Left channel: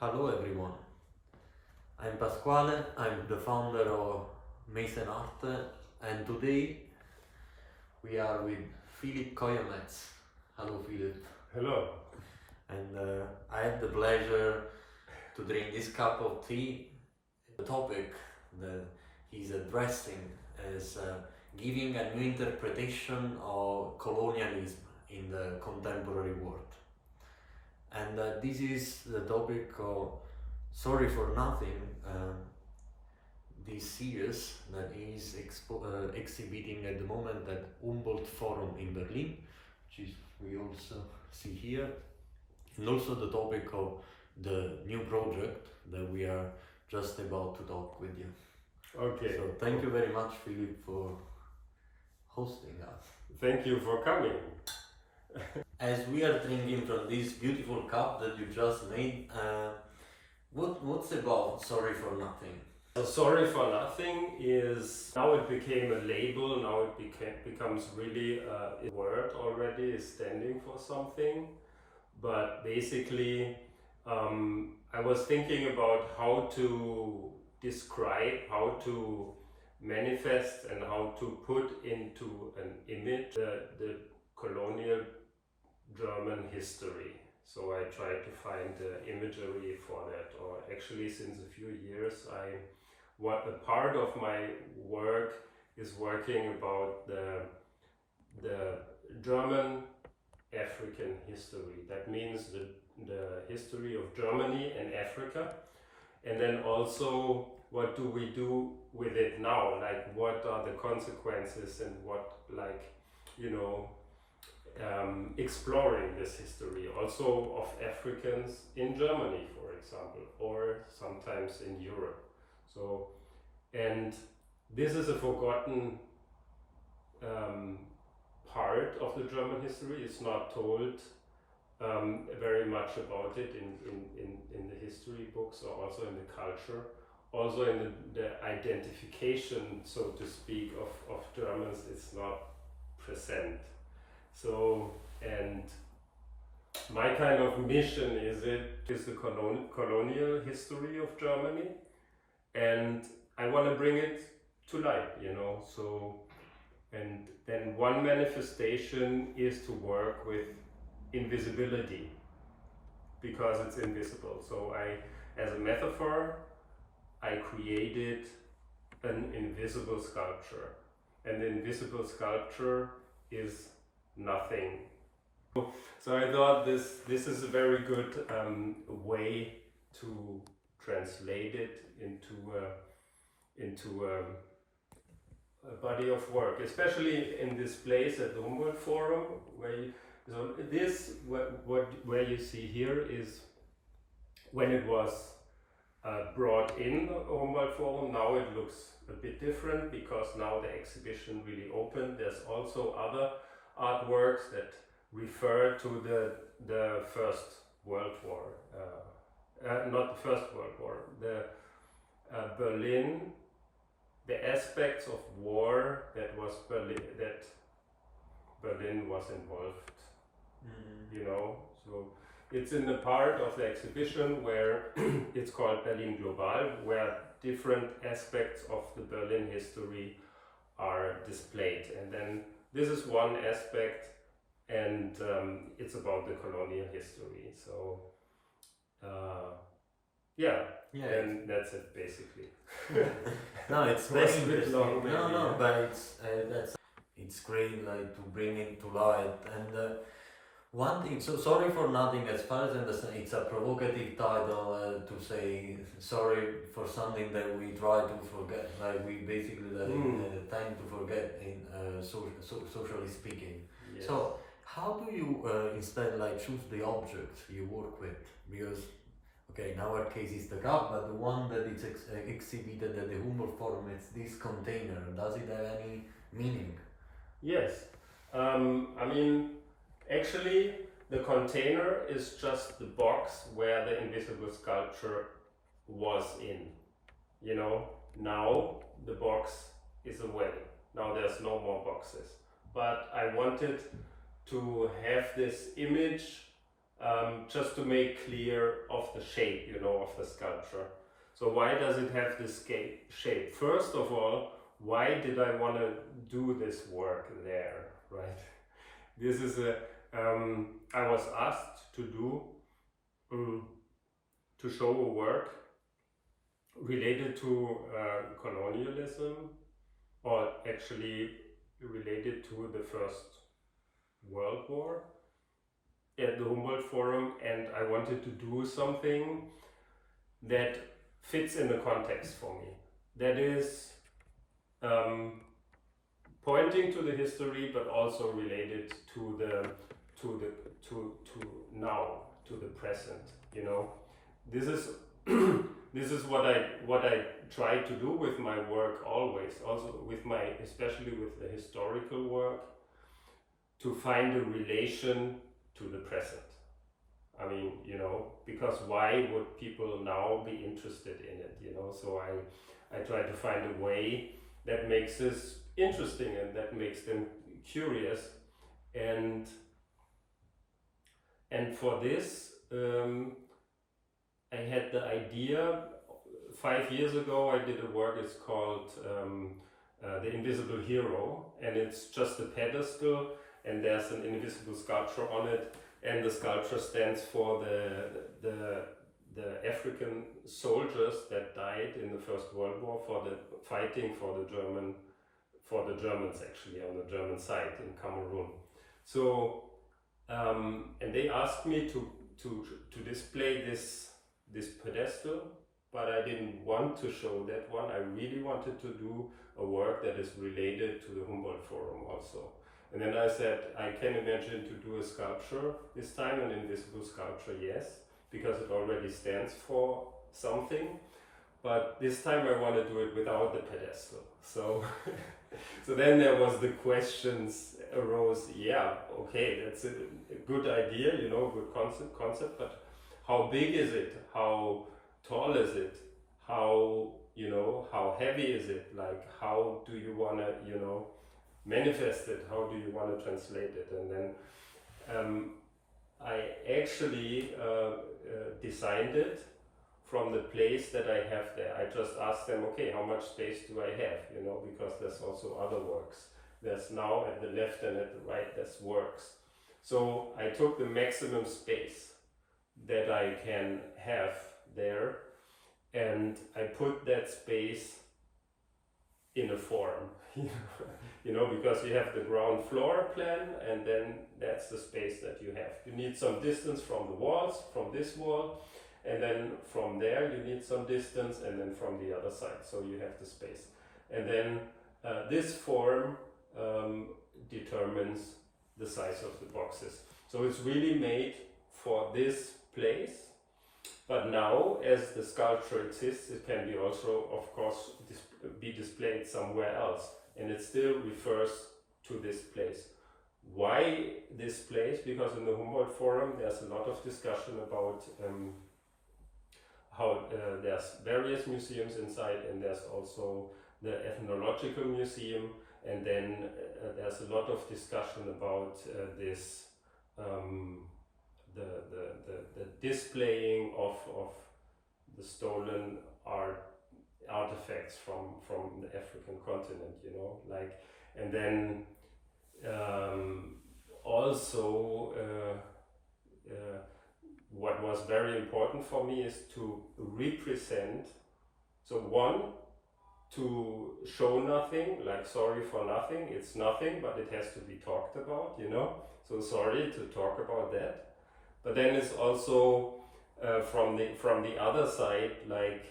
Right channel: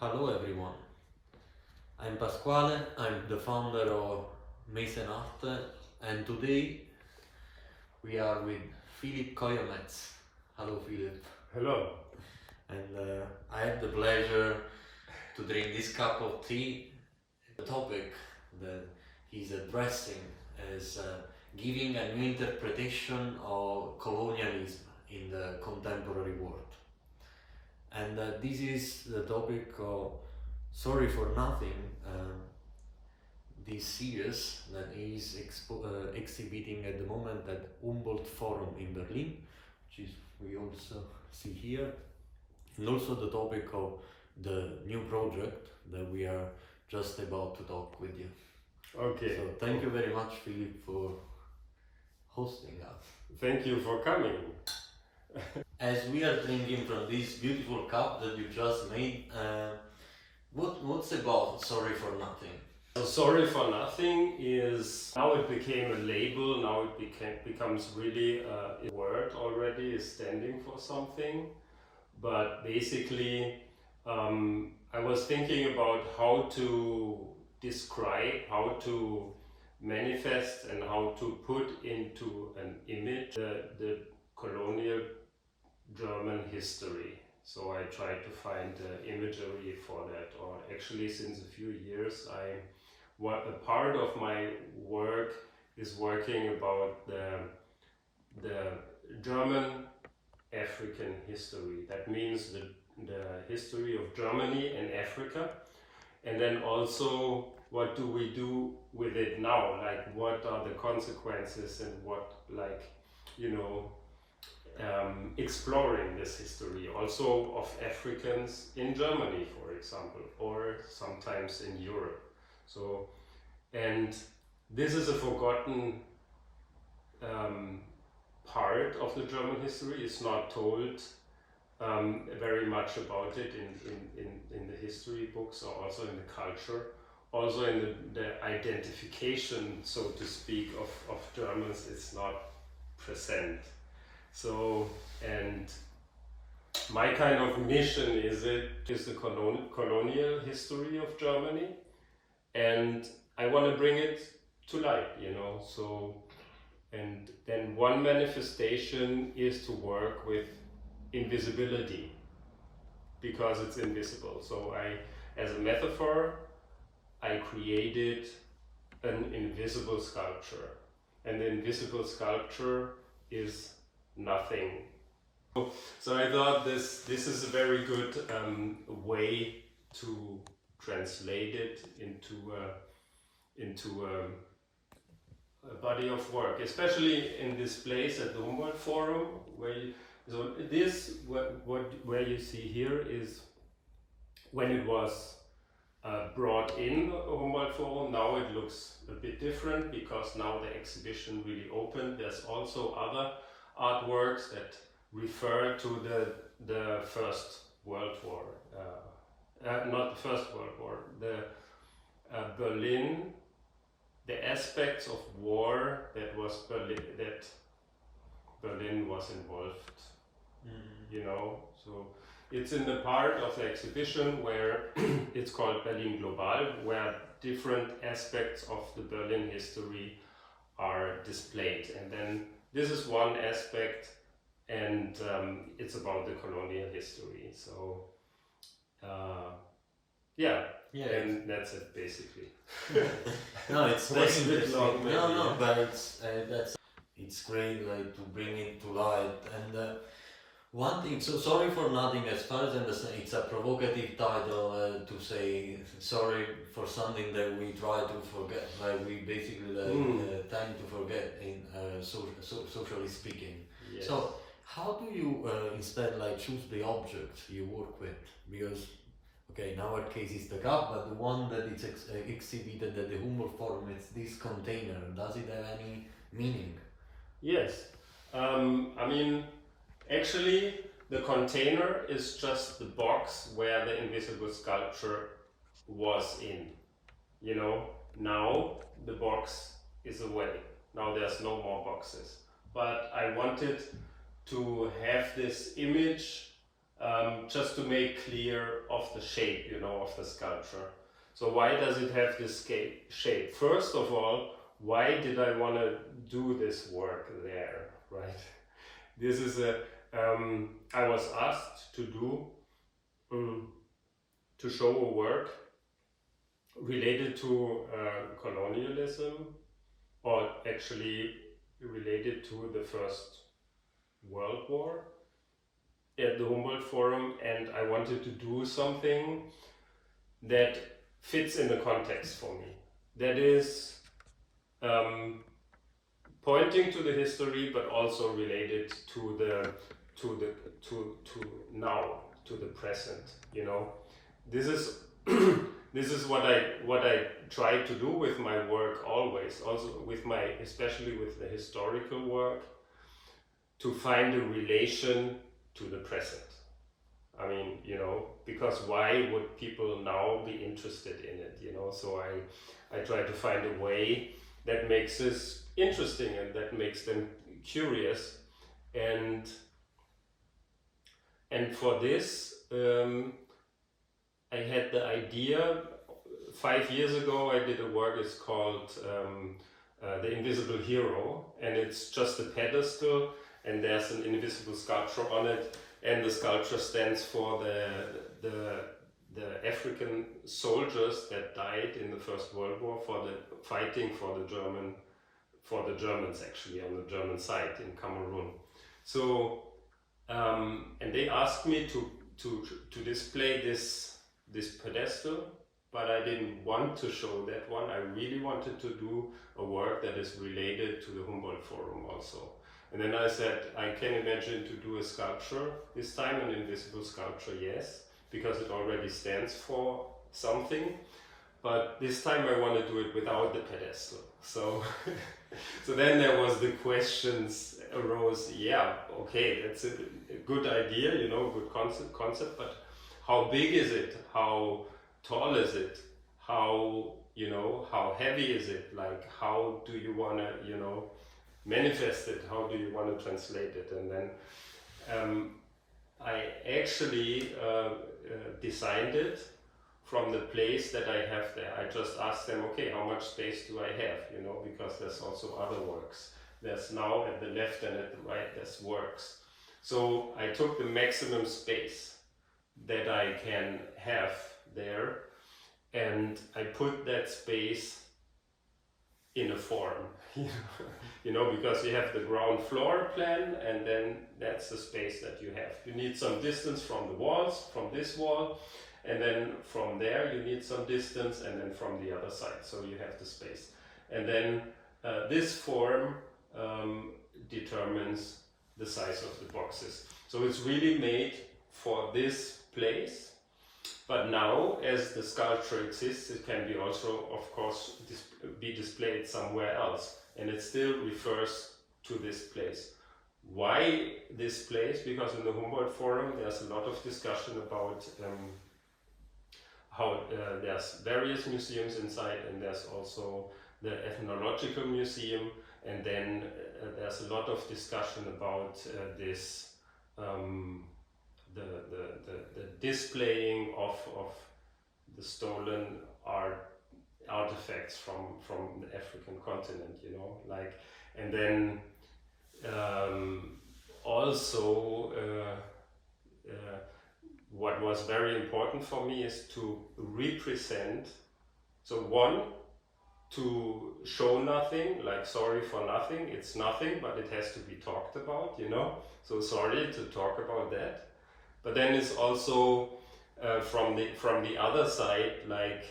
Hello everyone, I'm Pasquale, I'm the founder of Mason Art, and today we are with Kojo Metz. Hello Philip. Hello. And I have the pleasure to drink this cup of tea. The topic that he's addressing is giving a new interpretation of colonialism in the contemporary world. And this is the topic of Sorry for Nothing, this series that is exhibiting at the moment at Humboldt Forum in Berlin, which is we also see here, and also the topic of the new project that we are just about to talk with you. Okay. So thank you very much, Philip, for hosting us. Thank you for coming. As we are drinking from this beautiful cup that you just made, what's about Sorry for Nothing? So Sorry for Nothing is, now it became a label, now it becomes really a word already, is standing for something. But basically, I was thinking about how to describe, how to manifest and how to put into an image the colonial German history. So I tried to find imagery for that, or actually since a few years a part of my work is working about the German-African history. That means the history of Germany and Africa, and then also what do we do with it now, like what are the consequences and what, like, you know, exploring this history also of Africans in Germany, for example, or sometimes in Europe. So, and this is a forgotten part of the German history. It's not told very much about it in the history books, or also in the culture, also in the identification, so to speak, of Germans. It's not present. So, and my kind of mission is the colonial history of Germany, and I want to bring it to light, you know. So, and then one manifestation is to work with invisibility, because it's invisible. So as a metaphor, I created an invisible sculpture, and the invisible sculpture is nothing. So I thought this is a very good way to translate it into a body of work, especially in this place at the Humboldt Forum, where where you see here is when it was brought in the Humboldt Forum. Now it looks a bit different because now the exhibition really opened. There's also other artworks that refer to the First World War, not the First World War, the Berlin, the aspects of war that Berlin was involved, you know. So it's in the part of the exhibition where it's called Berlin Global, where different aspects of the Berlin history are displayed, and then this is one aspect, and it's about the colonial history. So, yeah, and that's it basically. No, it's very interesting. No, but it's great, like, to bring it to light. And one thing, so Sorry for Nothing, as far as I understand, it's a provocative title to say sorry for something that we try to forget, like we basically tend to forget in socially speaking. Yes. So how do you instead like choose the object you work with? Because okay, in our case it's the cup, but the one that is exhibited at the Humboldt Forum, it's this container. Does it have any meaning? Yes, I mean, actually, the container is just the box where the invisible sculpture was in. You know, now the box is away. Now there's no more boxes. But I wanted to have this image just to make clear of the shape, you know, of the sculpture. So why does it have this shape? First of all, why did I want to do this work there, right? This is I was asked to do, to show a work related to colonialism, or actually related to the First World War at the Humboldt Forum, and I wanted to do something that fits in the context for me. That is pointing to the history, but also related to now, to the present. You know, this is this is what I try to do with my work always. Also with my, especially with the historical work, to find a relation to the present. I mean, you know, because why would people now be interested in it, you know? So I try to find a way that makes this interesting and that makes them curious. And for this, I had the idea, 5 years ago I did a work, it's called The Invisible Hero, and it's just a pedestal and there's an invisible sculpture on it, and the sculpture stands for the African soldiers that died in the First World War for the fighting for the Germans actually on the German side in Cameroon. So and they asked me to display this pedestal, but I didn't want to show that one. I really wanted to do a work that is related to the Humboldt Forum also. And then I said, I can imagine to do a sculpture, this time an invisible sculpture, yes, because it already stands for something. But this time I want to do it without the pedestal. So, so then there was the questions arose, yeah, okay, that's a good idea, you know, good concept, but how big is it? How tall is it? How, you know, how heavy is it? Like, how do you want to, you know, manifest it? How do you want to translate it? And then I actually designed it from the place that I have there. I just asked them, okay, how much space do I have? You know, because there's also other works. There's now at the left and at the right, there's works. So I took the maximum space that I can have there, and I put that space in a form. You know, because you have the ground floor plan, and then that's the space that you have. You need some distance from the walls, from this wall, and then from there you need some distance, and then from the other side, so you have the space. And then this form determines the size of the boxes. So it's really made for this place, but now as the sculpture exists, it can be also, of course, be displayed somewhere else, and it still refers to this place. Why this place? Because in the Humboldt Forum there's a lot of discussion about how there's various museums inside, and there's also the ethnological museum, and then there's a lot of discussion about this the displaying of the stolen artifacts from the African continent, you know, like, and then also what was very important for me is to represent, so one, to show nothing, like sorry for nothing, it's nothing, but it has to be talked about, you know, so sorry to talk about that. But then it's also from the other side, like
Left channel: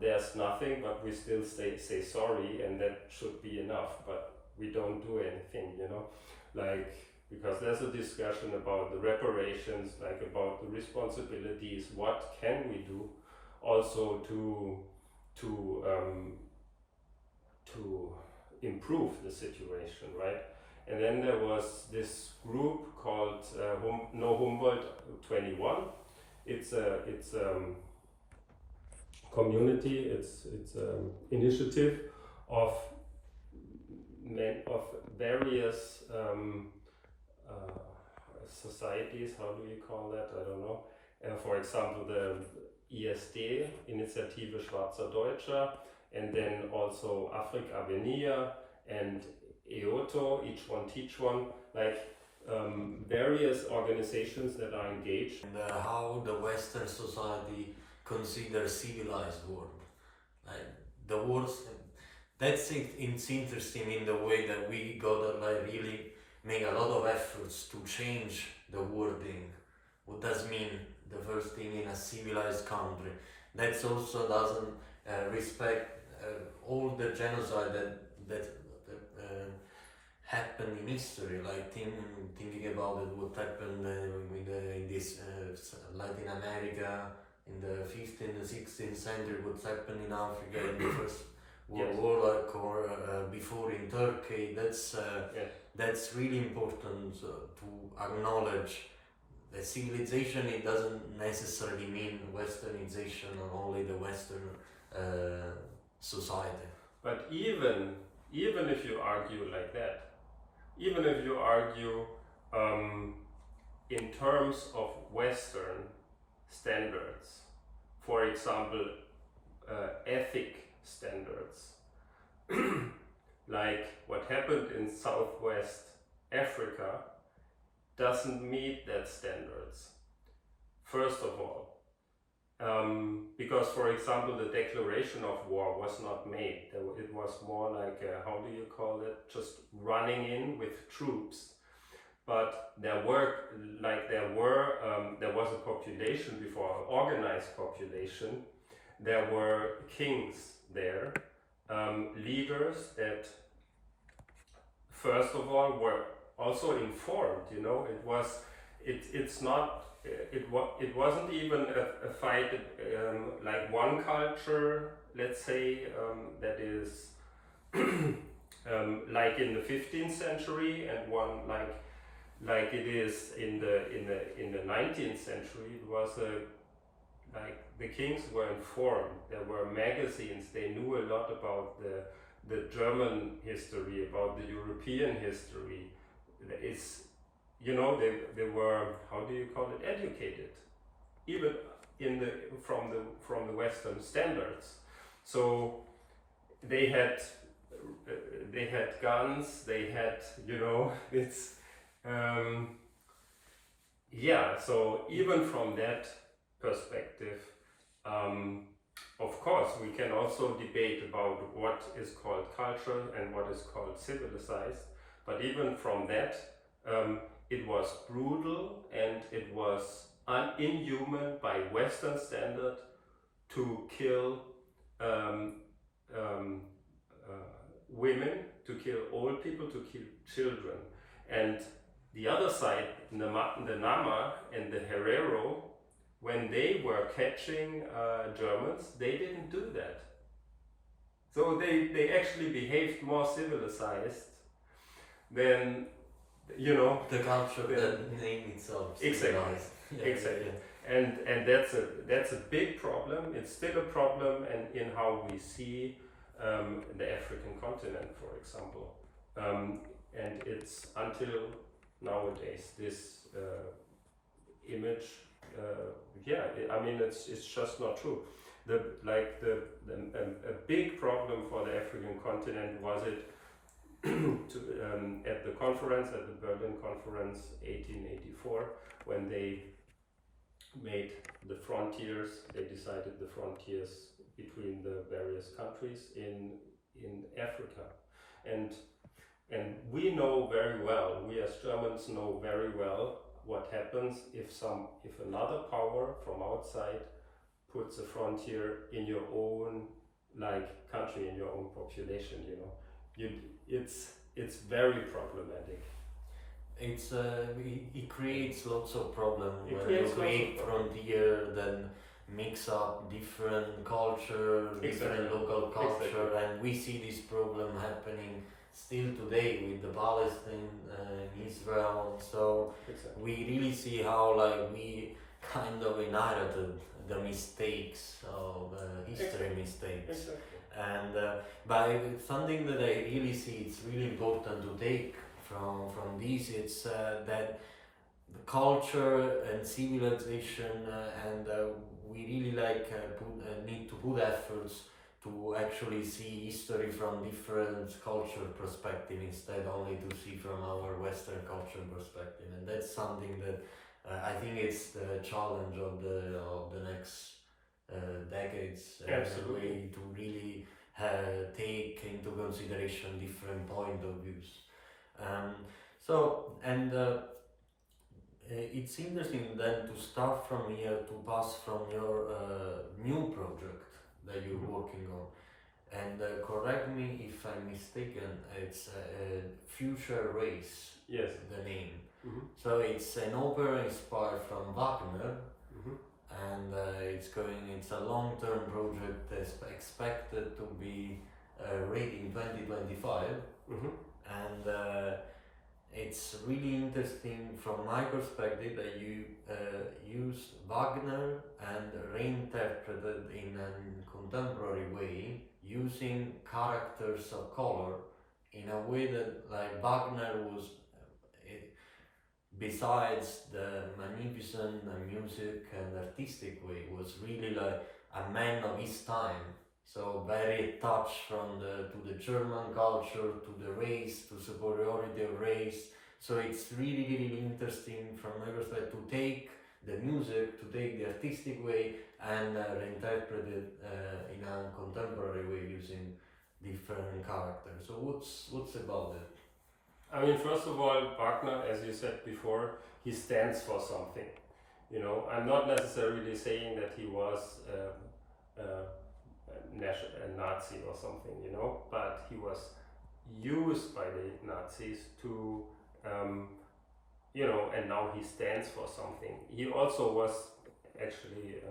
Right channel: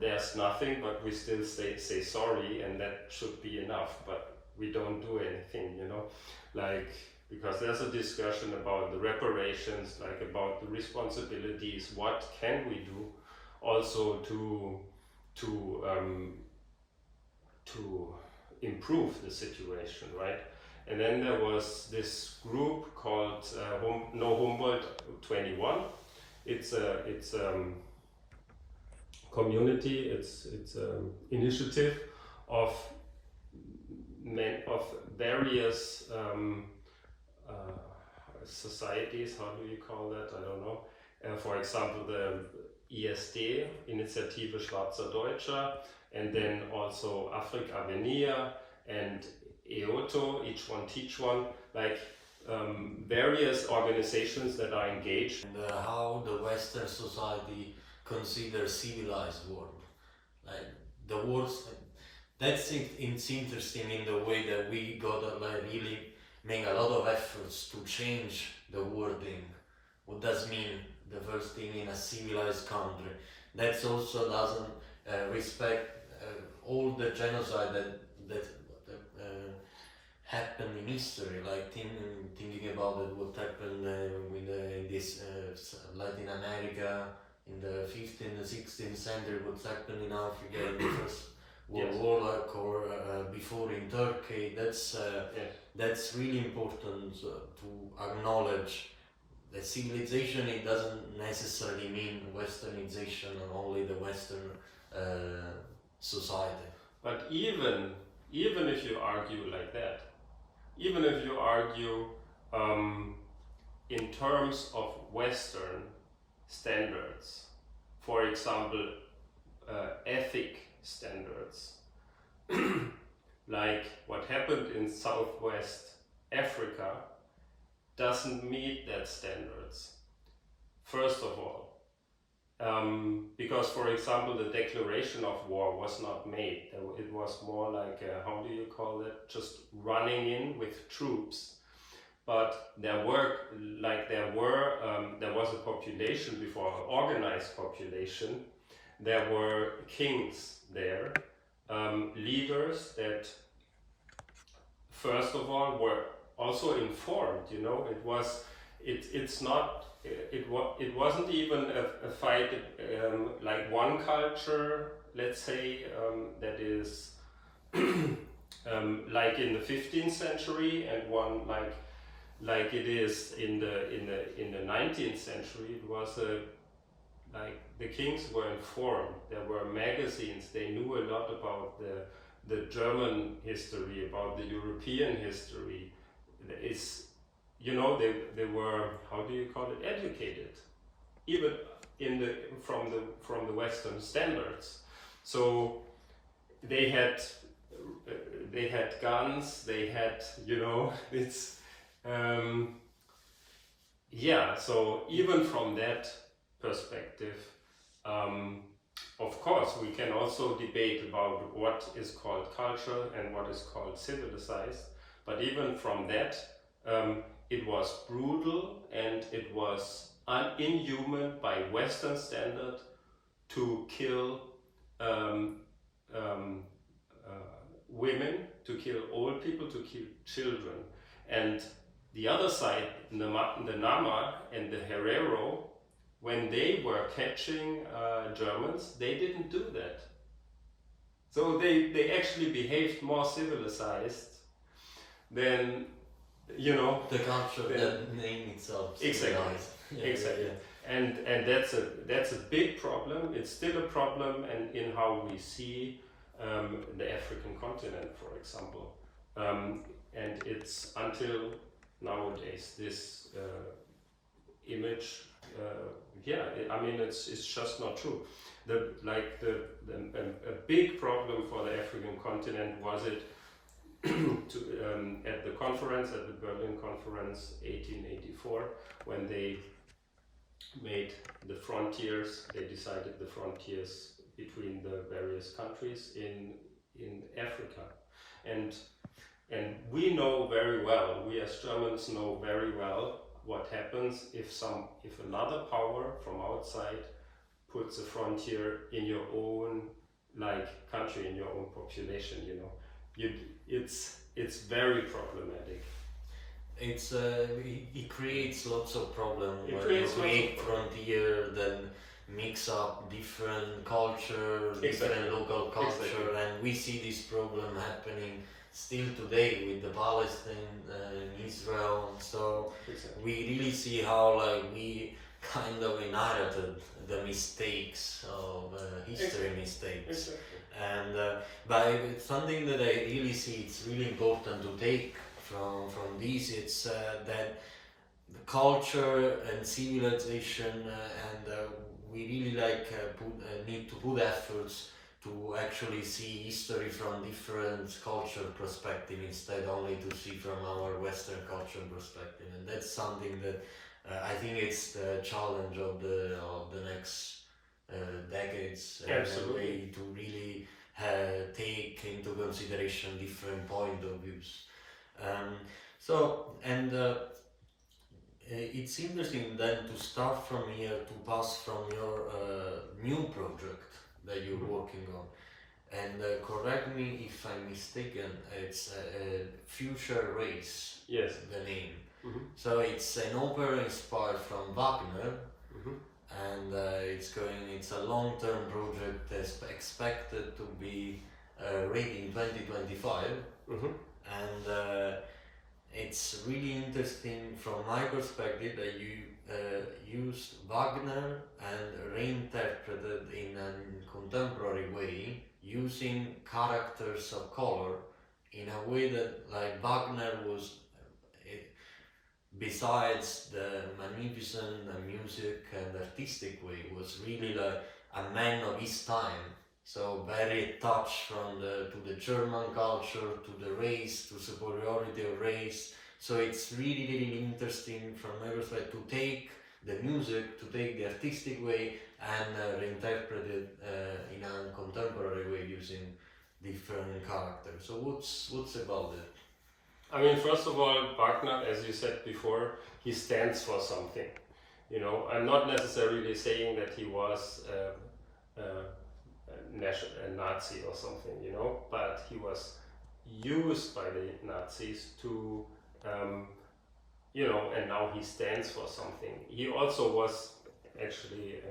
there's nothing, but we still say sorry, and that should be enough, but we don't do anything, you know, like, because there's a discussion about the reparations, like about the responsibilities, what can we do also to improve the situation, right? And then there was this group called No Humboldt 21. It's a community. It's initiative of various societies, how do you call that? I don't know. For example, the ISD, Initiative Schwarzer Deutscher, and then also Afrika Venia and EOTO, Each One Teach One, like various organizations that are engaged. And how the Western society considers civilized world, like the words. That's it. It's interesting in the way that we gotta like really make a lot of efforts to change the wording. What does mean the first thing in a civilized country? That also doesn't respect all the genocide that happened in history, like thinking about it, what happened in this Latin America in the 15th and 16th century, what happened in Africa in the first World War, like, or before in Turkey. That's really important to acknowledge that civilization. It doesn't necessarily mean westernization or only the Western society. But even if you argue like that, even if you argue in terms of Western standards, for example, ethic standards, like what happened in Southwest Africa doesn't meet that standards. First of all, because for example the declaration of war was not made. It was more like how do you call it? Just running in with troops. But there was a population before, an organized population. There were kings there, leaders that first of all were also informed. You know, it wasn't even a fight like one culture, let's say, that is like in the 15th century, and one like it is in the 19th century. It was like the kings were informed. There were magazines. They knew a lot about the German history, about the European history. It's, you know, they were, how do you call it, educated, even from the Western standards. So they had guns. They had, you know, it's So even from that perspective, of course, we can also debate about what is called culture and what is called civilized. But even from that, it was brutal and it was inhuman by Western standard to kill women, to kill old people, to kill children. And the other side, the Nama and the Herero, when they were catching Germans, they didn't do that. So they actually behaved more civilized than, you know, the culture, the name itself. Exactly. Yeah, exactly. yeah. And that's a big problem. It's still a problem, and in how we see the African continent, for example, and it's until nowadays this image. I mean, it's just not true. A big problem for the African continent was it at the conference, at the Berlin Conference 1884, when they made the frontiers. They decided the frontiers between the various countries in Africa, and we know very well, we as Germans know very well what happens if another power from outside puts a frontier in your own country, in your own population. You know, it's very problematic. It's it creates lots of problems when you create frontier, then mix up different culture, different local culture, and we see this problem happening still today with the Palestine and Israel. So we really see how we kind of inherited the mistakes of history mistakes. And but it's something that I really see it's really important to take from this. It's that the culture and civilization, and we really need to put efforts to actually see history from different culture perspective instead only to see from our Western culture perspective, and that's something that I think it's the challenge of the next decades, in a way to really take into consideration different point of views. It's interesting then to start from here, to pass from your new project that you're working on, and correct me if I'm mistaken, it's Future Race. Yes. The name. Mm-hmm. So it's an opera inspired from Wagner, mm-hmm. and it's a long-term project that's expected to be ready in 2025, mm-hmm. and it's really interesting from my perspective that you used Wagner and reinterpreted in a contemporary way, using characters of color in a way that, like, Wagner was, besides the magnificent music and artistic way, was really like a man of his time. So very attached to the German culture, to the race, to superiority of race. So it's really, really interesting from my perspective to take the music, to take the artistic way and reinterpret it in a contemporary way using different characters. So what's about it? I mean, first of all, Wagner, as you said before, he stands for something. You know, I'm not necessarily saying that he was a Nazi or something, you know, but he was used by the Nazis to, you know, and now he stands for something. He also was actually,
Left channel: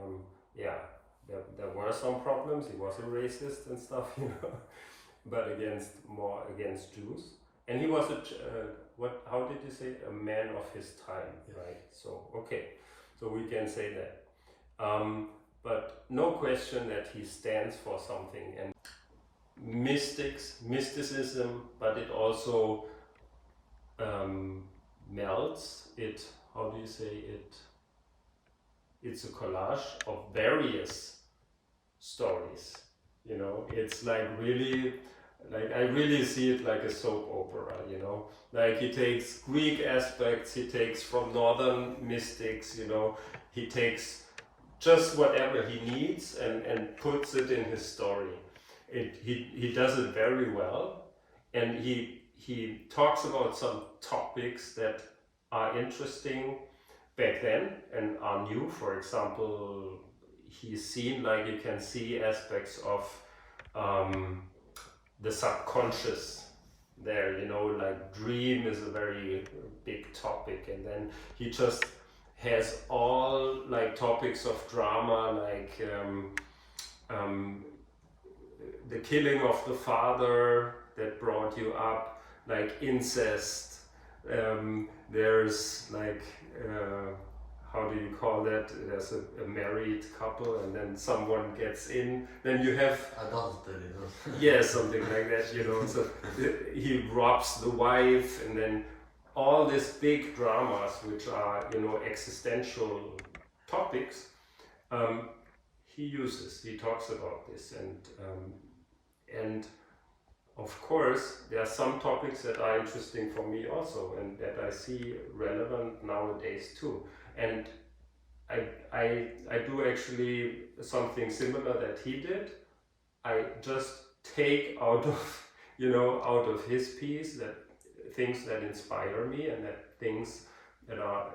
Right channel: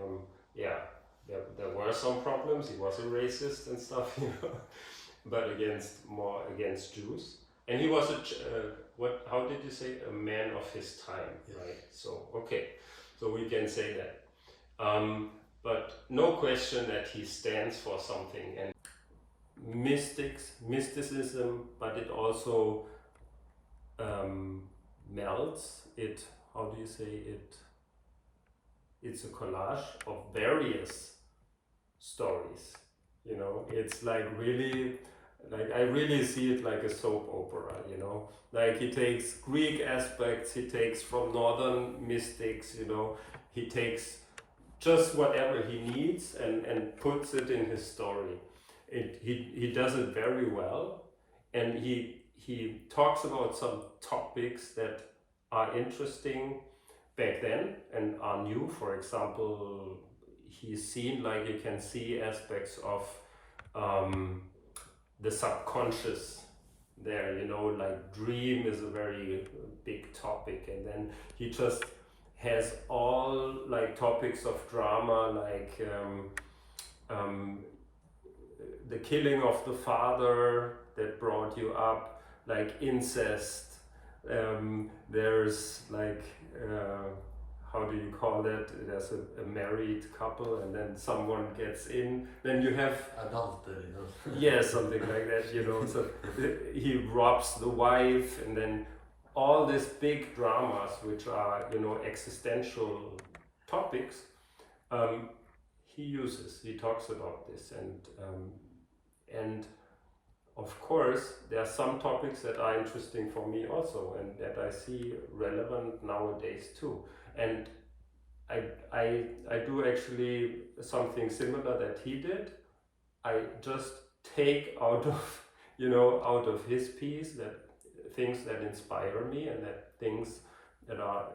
there were some problems. He was a racist and stuff, you know, but more against Jews. And he was how did you say, a man of his time, yes. Right? So, okay, so we can say that. But no question that he stands for something, and mysticism, but it also melts it. How do you say it? It's a collage of various stories. You know, it's like really, like I really see it like a soap opera. You know, like he takes Greek aspects, he takes from northern mystics. You know, he takes just whatever he needs and puts it in his story. He does it very well, and he talks about some topics that are interesting back then and are new. For example, he's seen, like you can see aspects of the subconscious there, you know, like dream is a very big topic, and then he just has all like topics of drama, like the killing of the father that brought you up, like incest. There's like how do you call that? There's a married couple, and then someone gets in. Then you have adultery, you know? Yeah, something like that, you know. So he robs the wife, and then all these big dramas, which are, you know, existential topics, he talks about this, and of course there are some topics that are interesting for me also, and that I see relevant nowadays too. And I do actually something similar that he did. I just take out of his piece that things that inspire me, and that things that are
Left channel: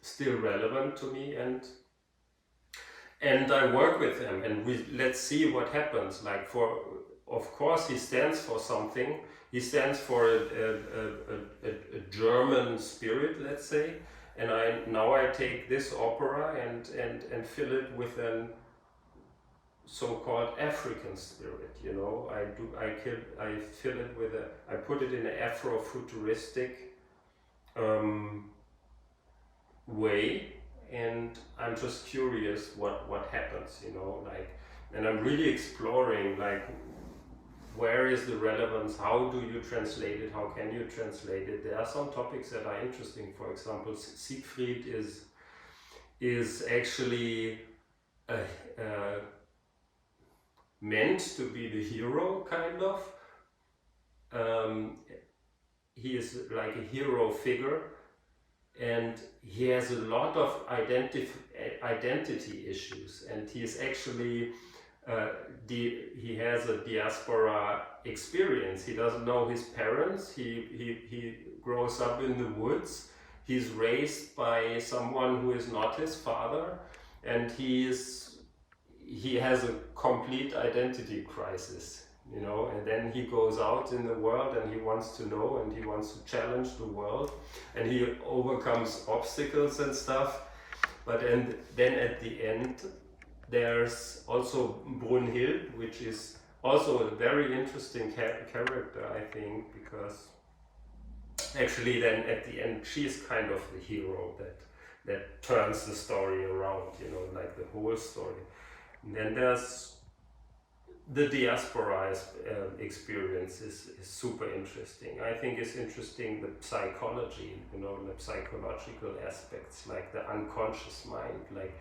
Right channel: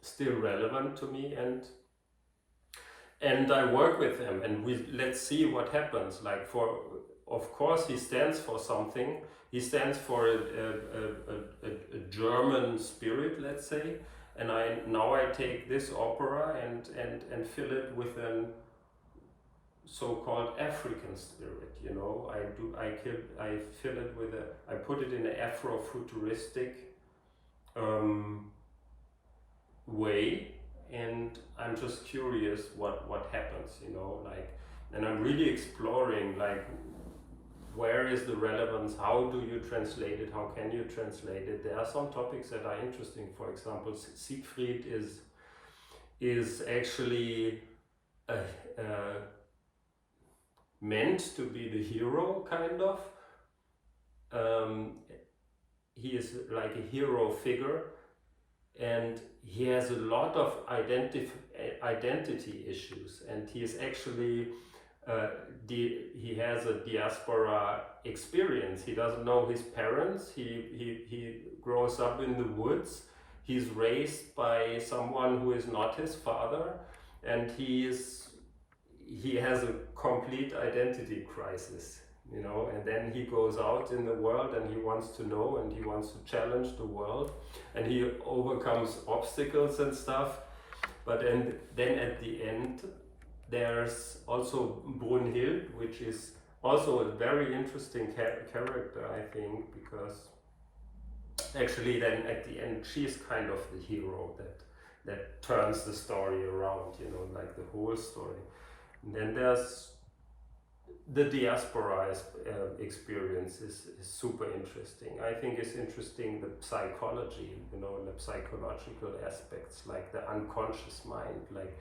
still relevant to me, and I work with them, and let's see what happens. Like, of course he stands for something. He stands for a German spirit, let's say, and I take this opera and fill it with an so-called African spirit, you know. I fill it with I put it in an Afro-futuristic way, and I'm just curious what happens, you know, like, and I'm really exploring, like, where is the relevance, how do you translate it, how can you translate it. There are some topics that are interesting. For example, Siegfried is actually meant to be the hero, kind of. He is like a hero figure, and he has a lot of identity issues, and he is actually he has a diaspora experience. He doesn't know his parents. He grows up in the woods. He's raised by someone who is not his father, and he has a complete identity crisis, you know. And then he goes out in the world and he wants to know, and he wants to challenge the world, and he overcomes obstacles and stuff. But then at the end, there's also Brunhild, which is also a very interesting character, I think, because actually then at the end she's kind of the hero that turns the story around, you know, like the whole story. And then there's the diaspora experience is super interesting. I think it's interesting the psychology, you know, the psychological aspects, like the unconscious mind, like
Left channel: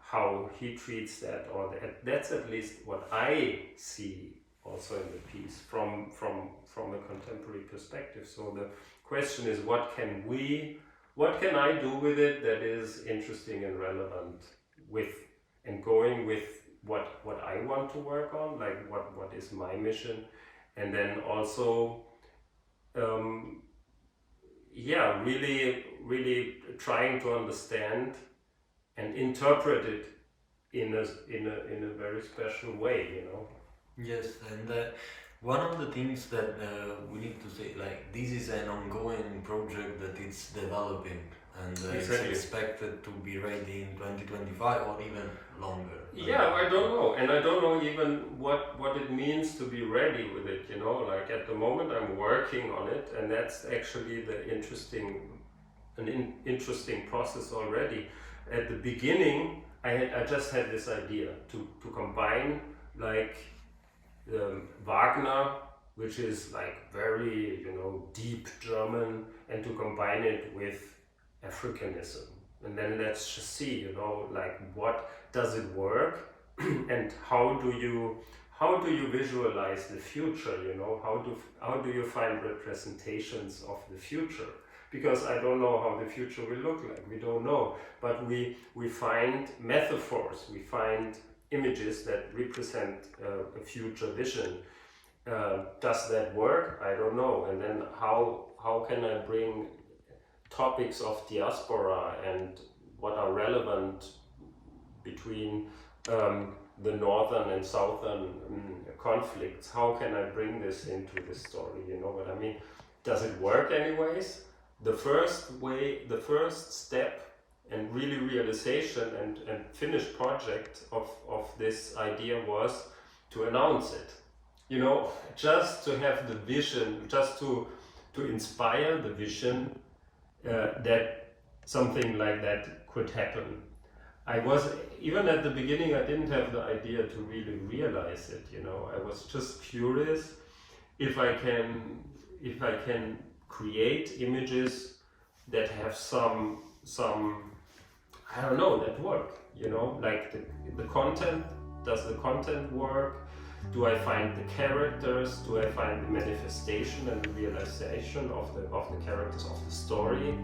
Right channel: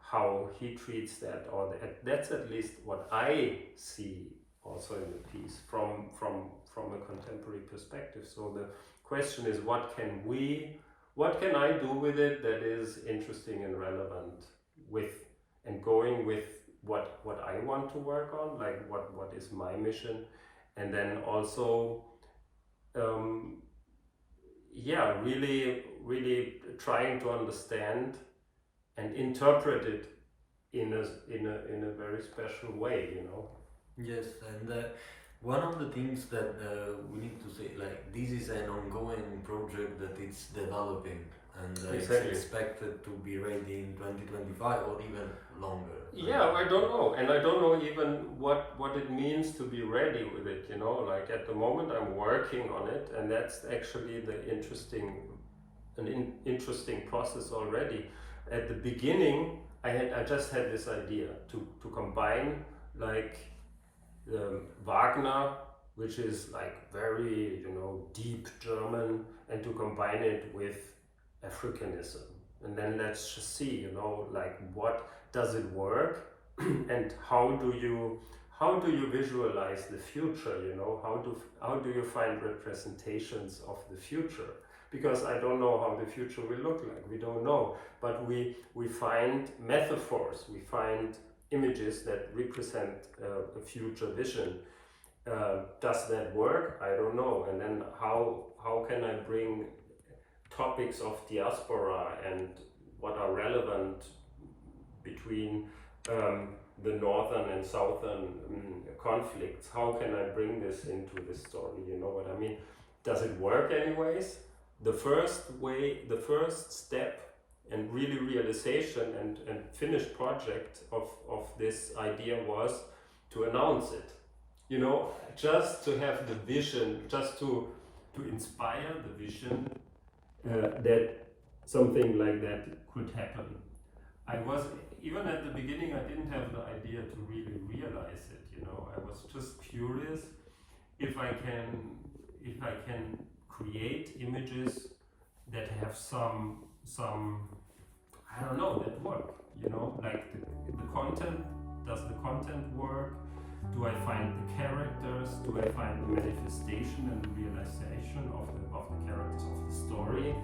how he treats that, or that's at least what I see also in the piece from a contemporary perspective. So the question is, what can I do with it that is interesting and relevant and going with what I want to work on, like what is my mission, and then also really trying to understand and interpret it in a very special way, you know. Yes, and one of the things that we need to say, like, this is an ongoing project that it's developing, and Exactly. it's expected to be ready in 2025 or even longer. Yeah, I don't know, and I don't know even what it means to be ready with it, you know. Like, at the moment I'm working on it, and that's actually an interesting process already. At the beginning, I just had this idea to combine, like, Wagner, which is like very, you know, deep German, and to combine it with Africanism. And then let's just see, you know, like, what does it work, and how do you visualize the future, you know, how do you find representations of the future? Because I don't know how the future will look like, we don't know, but we find metaphors, we find images that represent a future vision. Does that work? I don't know. And then how can I bring topics of diaspora and what are relevant between the northern and southern conflicts? How can I bring this into the story? You know what I mean? Does it work anyways? The first step and really realization and finished project of this idea was to announce it. You know, just to have the vision, just to inspire the vision that something like that could happen. Even at the beginning, I didn't have the idea to really realize it, you know. I was just curious if I can create images that have some I don't know, that work, you know, like the content. Does the content work? Do I find the characters? Do I find the manifestation and the realization of the characters of the story?